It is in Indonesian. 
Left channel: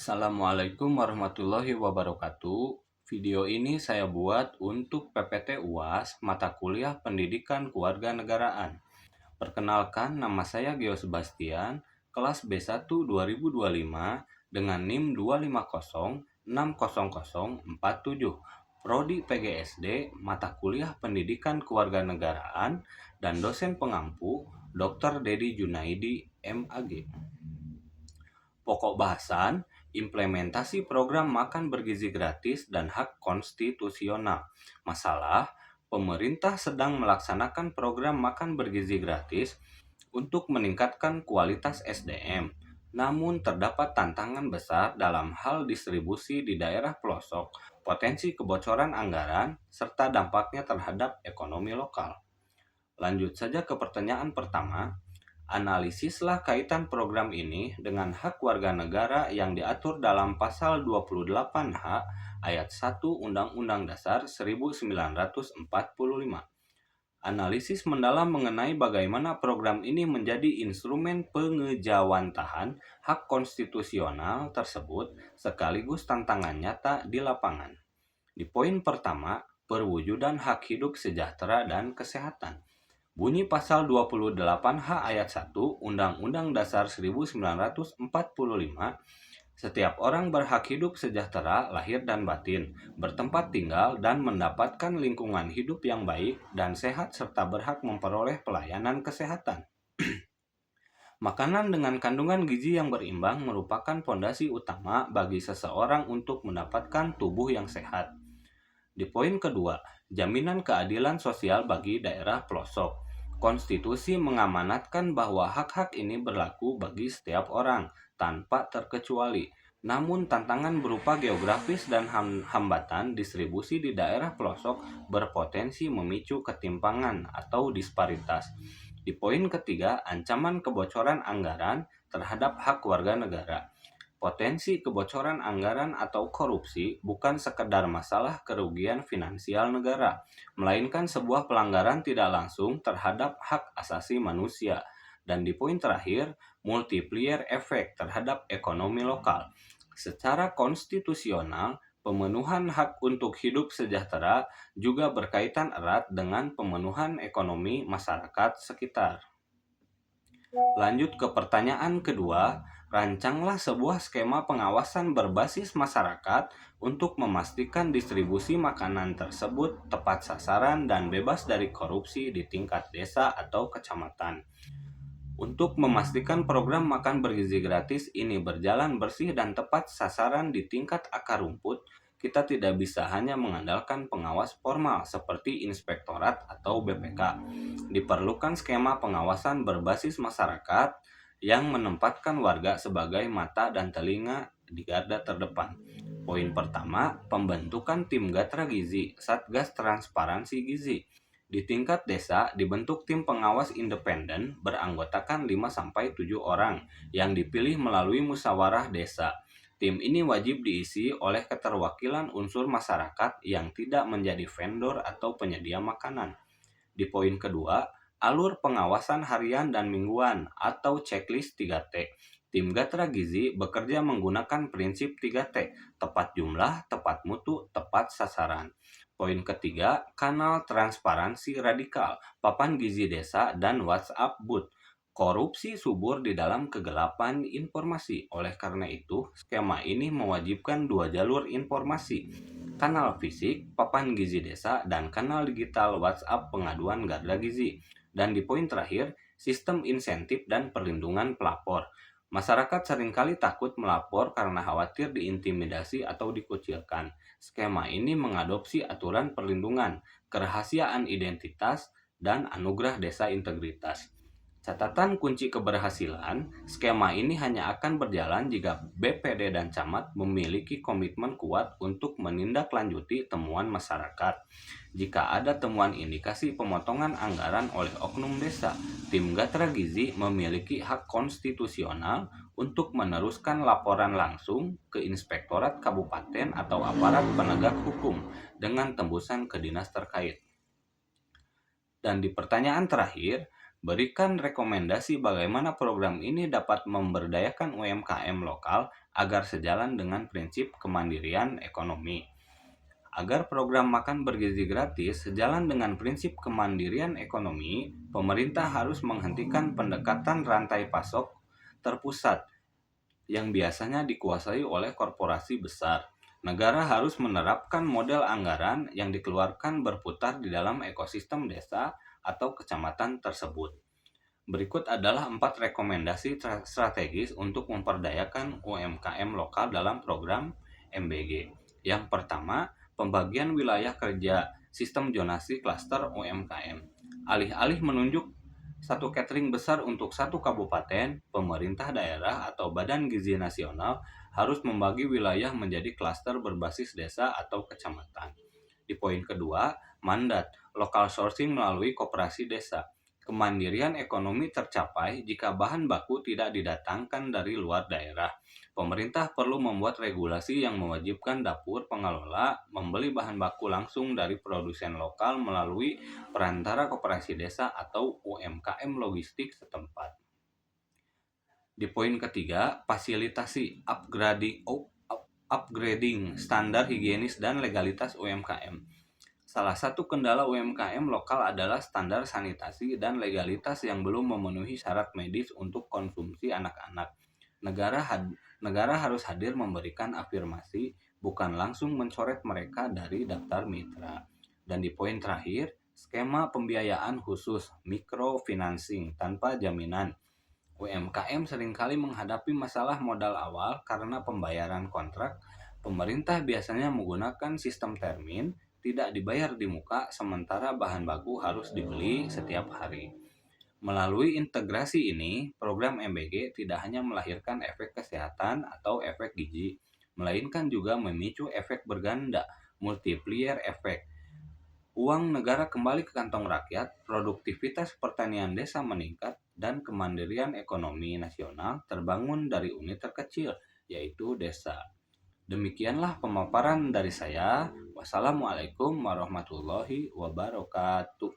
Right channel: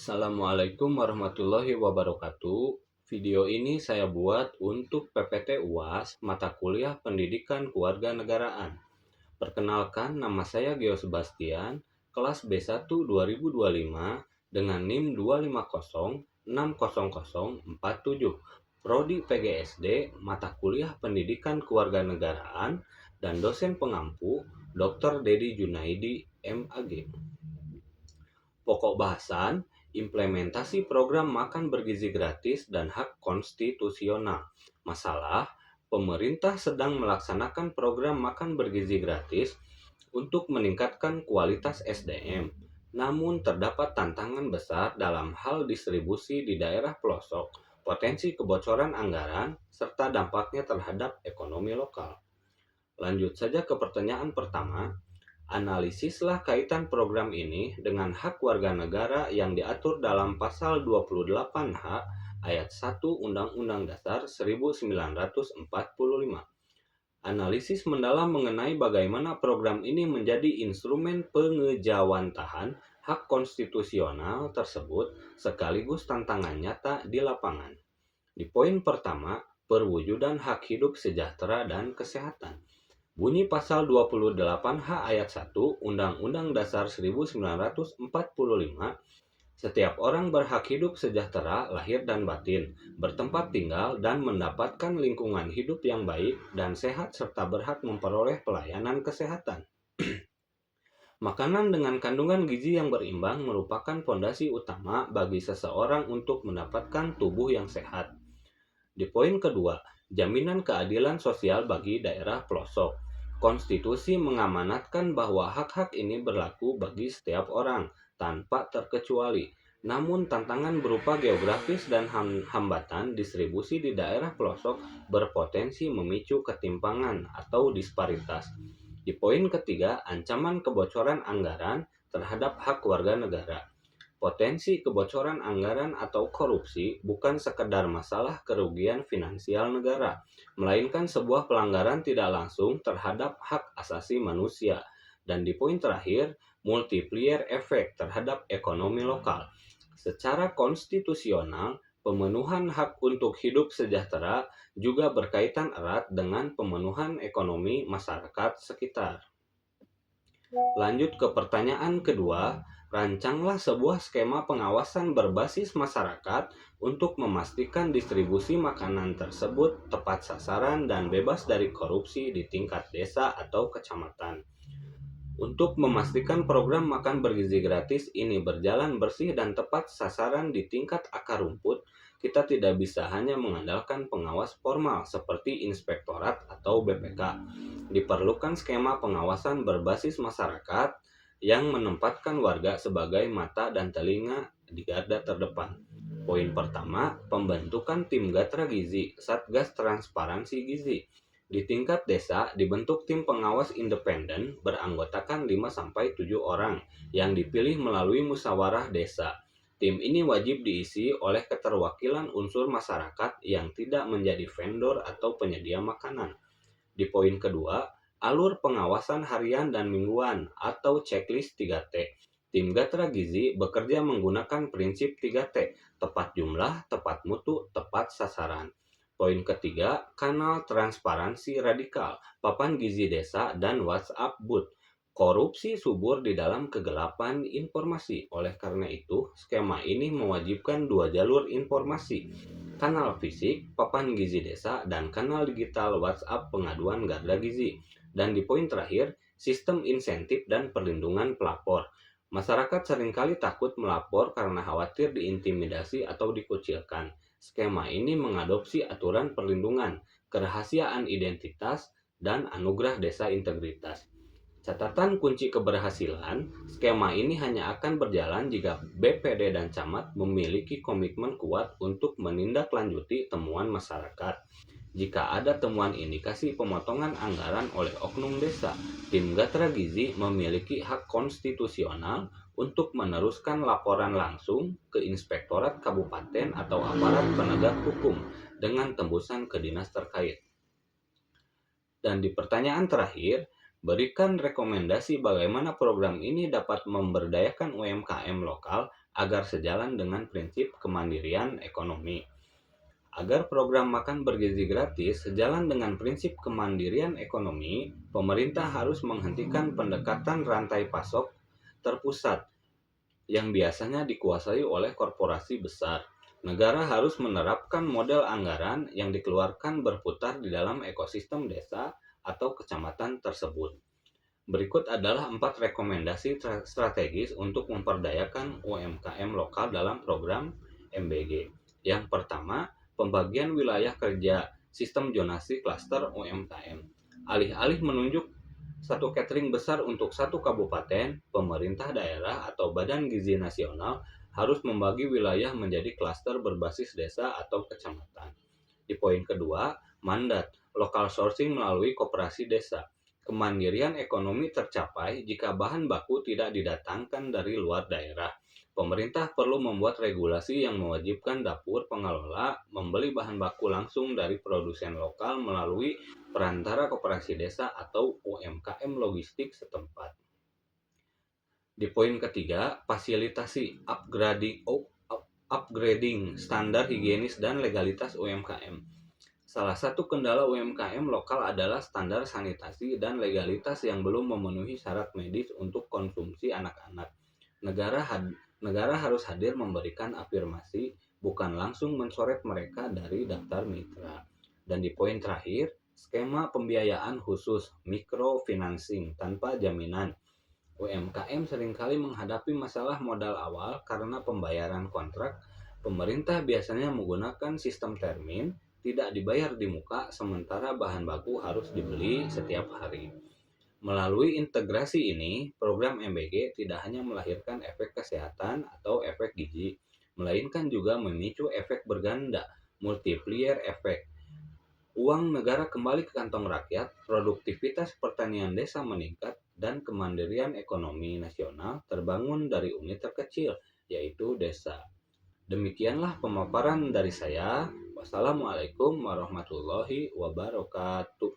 Assalamualaikum warahmatullahi wabarakatuh. Video ini saya buat untuk PPT UAS mata kuliah Pendidikan Kewarganegaraan. Perkenalkan, nama saya Geo Sebastian, kelas B1 2025 dengan NIM 2506047, Prodi PGSD, mata kuliah Pendidikan Kewarganegaraan, dan dosen pengampu Dr. Dedi Junaidi, MAG. Pokok bahasan, implementasi program makan bergizi gratis dan hak konstitusional. Masalah, pemerintah sedang melaksanakan program makan bergizi gratis untuk meningkatkan kualitas SDM. Namun terdapat tantangan besar dalam hal distribusi di daerah pelosok, potensi kebocoran anggaran, serta dampaknya terhadap ekonomi lokal. Lanjut saja ke pertanyaan pertama. Analisislah kaitan program ini dengan hak warga negara yang diatur dalam pasal 28H ayat 1 Undang-Undang Dasar 1945. Analisis mendalam mengenai bagaimana program ini menjadi instrumen pengejawantahan hak konstitusional tersebut sekaligus tantangan nyata di lapangan. Di poin pertama, perwujudan hak hidup sejahtera dan kesehatan. Bunyi pasal 28H ayat 1 Undang-Undang Dasar 1945, setiap orang berhak hidup sejahtera lahir dan batin, bertempat tinggal dan mendapatkan lingkungan hidup yang baik dan sehat serta berhak memperoleh pelayanan kesehatan. Makanan dengan kandungan gizi yang berimbang merupakan fondasi utama bagi seseorang untuk mendapatkan tubuh yang sehat. Di poin kedua, jaminan keadilan sosial bagi daerah pelosok. Konstitusi mengamanatkan bahwa hak-hak ini berlaku bagi setiap orang, tanpa terkecuali. Namun tantangan berupa geografis dan hambatan distribusi di daerah pelosok berpotensi memicu ketimpangan atau disparitas. Di poin ketiga, ancaman kebocoran anggaran terhadap hak warga negara. Potensi kebocoran anggaran atau korupsi bukan sekedar masalah kerugian finansial negara, melainkan sebuah pelanggaran tidak langsung terhadap hak asasi manusia. Dan di poin terakhir, multiplier efek terhadap ekonomi lokal. Secara konstitusional, pemenuhan hak untuk hidup sejahtera juga berkaitan erat dengan pemenuhan ekonomi masyarakat sekitar. Lanjut ke pertanyaan kedua, rancanglah sebuah skema pengawasan berbasis masyarakat untuk memastikan distribusi makanan tersebut tepat sasaran dan bebas dari korupsi di tingkat desa atau kecamatan. Untuk memastikan program makan bergizi gratis ini berjalan bersih dan tepat sasaran di tingkat akar rumput, kita tidak bisa hanya mengandalkan pengawas formal seperti inspektorat atau BPK. Diperlukan skema pengawasan berbasis masyarakat yang menempatkan warga sebagai mata dan telinga di garda terdepan. Poin pertama, pembentukan tim Gatra Gizi, Satgas Transparansi Gizi. Di tingkat desa, dibentuk tim pengawas independen beranggotakan 5-7 orang yang dipilih melalui musyawarah desa. Tim ini wajib diisi oleh keterwakilan unsur masyarakat yang tidak menjadi vendor atau penyedia makanan. Di poin kedua, alur pengawasan harian dan mingguan atau checklist 3T. Tim Gatra Gizi bekerja menggunakan prinsip 3T, tepat jumlah, tepat mutu, tepat sasaran. Poin ketiga, kanal transparansi radikal, papan gizi desa, dan WhatsApp booth. Korupsi subur di dalam kegelapan informasi. Oleh karena itu, skema ini mewajibkan 2 jalur informasi. Kanal fisik, papan gizi desa, dan kanal digital WhatsApp pengaduan garda gizi. Dan di poin terakhir, sistem insentif dan perlindungan pelapor. Masyarakat seringkali takut melapor karena khawatir diintimidasi atau dikucilkan. Skema ini mengadopsi aturan perlindungan, kerahasiaan identitas, dan anugerah desa integritas. Catatan kunci keberhasilan, skema ini hanya akan berjalan jika BPD dan Camat memiliki komitmen kuat untuk menindaklanjuti temuan masyarakat. Jika ada temuan indikasi pemotongan anggaran oleh oknum desa, tim Gatra Gizi memiliki hak konstitusional untuk meneruskan laporan langsung ke inspektorat kabupaten atau aparat penegak hukum dengan tembusan ke dinas terkait. Dan di pertanyaan terakhir, Berikan rekomendasi bagaimana program ini dapat memberdayakan UMKM lokal agar sejalan dengan prinsip kemandirian ekonomi. Agar program makan bergizi gratis sejalan dengan prinsip kemandirian ekonomi, pemerintah harus menghentikan pendekatan rantai pasok terpusat yang biasanya dikuasai oleh korporasi besar. Negara harus menerapkan model anggaran yang dikeluarkan berputar di dalam ekosistem desa atau kecamatan tersebut. Berikut adalah 4 rekomendasi strategis untuk memperdayakan UMKM lokal dalam program MBG. Yang pertama, pembagian wilayah kerja sistem zonasi klaster UMKM. Alih-alih menunjuk satu catering besar untuk satu kabupaten, pemerintah daerah atau Badan Gizi Nasional harus membagi wilayah menjadi klaster berbasis desa atau kecamatan. Di poin kedua, mandat local sourcing melalui koperasi desa. Kemandirian ekonomi tercapai jika bahan baku tidak didatangkan dari luar daerah. Pemerintah perlu membuat regulasi yang mewajibkan dapur pengelola membeli bahan baku langsung dari produsen lokal melalui perantara koperasi desa atau UMKM logistik setempat. Di poin ketiga, fasilitasi upgrading standar higienis dan legalitas UMKM. Salah satu kendala UMKM lokal adalah standar sanitasi dan legalitas yang belum memenuhi syarat medis untuk konsumsi anak-anak. Negara harus hadir memberikan afirmasi, bukan langsung mencoret mereka dari daftar mitra. Dan di poin terakhir, skema pembiayaan khusus microfinancing tanpa jaminan. UMKM seringkali menghadapi masalah modal awal karena pembayaran kontrak. Pemerintah biasanya menggunakan sistem termin, tidak dibayar di muka, sementara bahan baku harus dibeli setiap hari. Melalui integrasi ini, program MBG tidak hanya melahirkan efek kesehatan atau efek gizi, melainkan juga memicu efek berganda, multiplier efek. Uang negara kembali ke kantong rakyat, produktivitas pertanian desa meningkat, dan kemandirian ekonomi nasional terbangun dari unit terkecil, yaitu desa. Demikianlah pemaparan dari saya. Wassalamualaikum warahmatullahi wabarakatuh.